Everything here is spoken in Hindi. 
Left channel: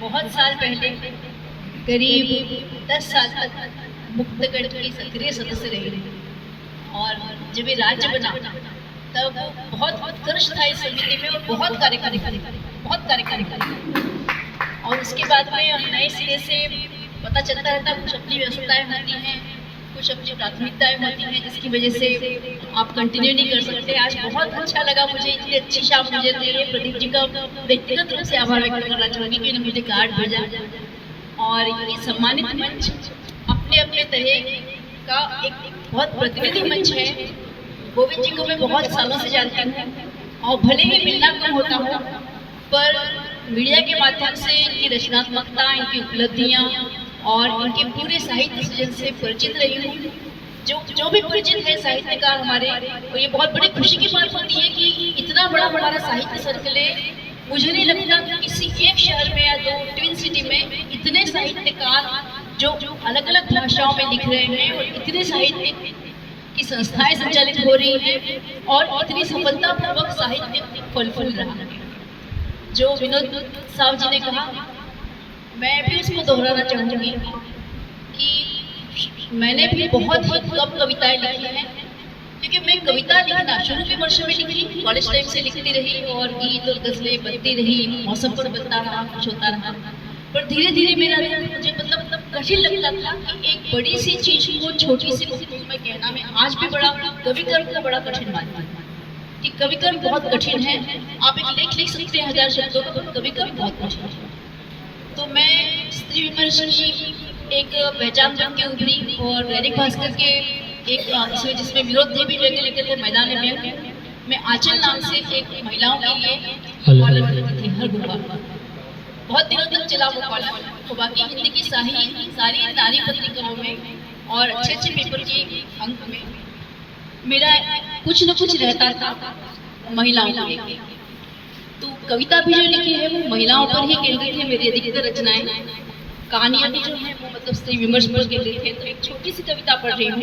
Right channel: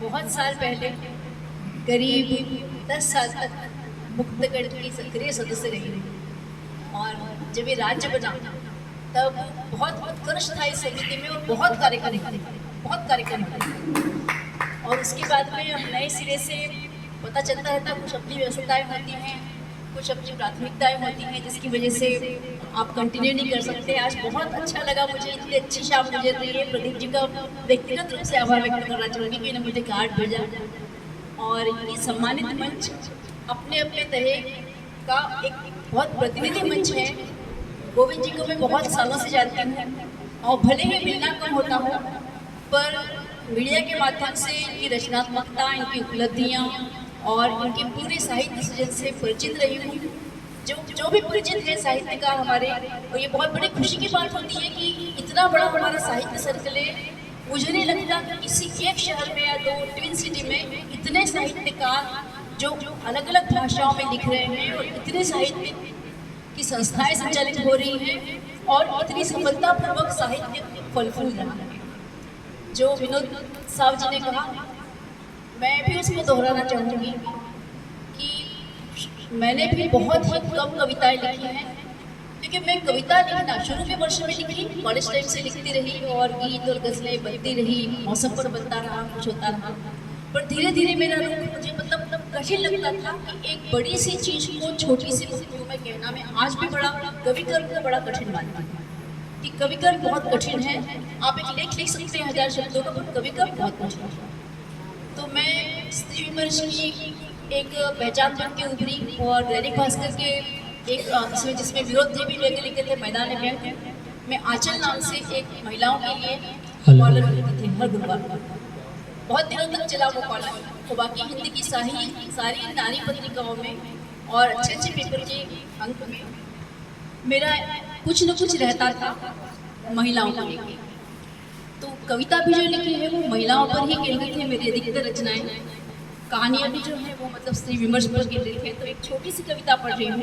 बहुत साल पहले करीब 10 साल तक मुक्तगढ़ की सक्रिय सदस्य रही और जब ये राज्य बना तब बहुत उत्कर्ष था इस समिति में और बहुत कार्यकारी और उसके बाद में हम नए सिरे से पता चलता रहता, कुछ अपनी व्यस्तताएं होती हैं, कुछ अपनी प्राथमिकताएं होती हैं, जिसकी वजह से आप कंटिन्यू नहीं कर सकते। आज बहुत अच्छा लगा मुझे, इतनी अच्छी शाम गुजर रही है। प्रदीप जी का व्यक्तिगत रूप से आभार व्यक्त करना चाहूँगी कि उन्होंने मुझे कार्ड भेजा और ये सम्मानित मंच अपने अपने तरह का एक बहुत प्रतिनिधि मंच है। गोविंद जी को मैं बहुत सालों से जानती हूँ और भले ही मिलना कम होता हो, पर मीडिया के माध्यम से इनकी रचनात्मकता, इनकी उपलब्धियाँ और इनके पूरे साहित्य सृजन से परिचित रही हूँ। जो भी परिचित है साहित्यकार हमारे, और ये बहुत बड़ी खुशी की बात होती है कि इतना बड़ा हमारा साहित्य सर्कल है। मुझे नहीं लगता कि किसी एक शहर में या दो ट्विन सिटी में इतने साहित्यकार जो अलग अलग भाषाओं में लिख रहे हैं और इतने साहित्य की संस्थाएं संचालित हो रही हैं और इतनी सफलतापूर्वक साहित्य फल फूल रहा है। जो विनोद साहब जी ने कहा, मैं भी उसको दोहराना चाहूँगी कि मैंने भी बहुत ही कम कविताएं लिखी हैं, क्योंकि मैं कविता लिखना शुरू के वर्ष में लिखी, कॉलेज टाइम से लिखती रही और गीत और गज़लें बनती रही, मौसम पर बनता रहा, कुछ होता रहा। पर धीरे धीरे मेरा मुझे मतलब कठिन लगता था कि एक बड़ी सी चीज़ को छोटी सी वस्तु में कहना, मैं आज भी बड़ा कवि कर्म को बड़ा कठिन मानती हूँ कि कवि कर्म बहुत कठिन है। आप एक लेख लिख सकते हैं 1000 शब्दों का, पर कवि कर्म बहुत कठिन है। तो मैं स्त्री विमर्श की एक पहचान बन के उभरी और दैनिक भास्कर के एक इसमें जिसमें विरोध जी भी लेके लिखे थे मैदान में, मैं आंचल नाम से एक महिलाओं के लिए कॉलम लिखती थी हर गुरुवार को। बहुत दिनों तक चला वो कॉलम, तो बाकी हिंदी की सारी नारी पत्रिकाओं में और अच्छे अच्छे पेपर के अंक में मेरा कुछ न कुछ रहता था महिलाओं को लेकर। तो कविता भी जो लिखी है वो महिलाओं पर ही केंद्रित है। मेरी अधिकतर रचनाएं, कहानियां भी जो है वो मतलब स्त्री विमर्श पर केंद्रित है। तो एक छोटी सी कविता पढ़ रही हूँ।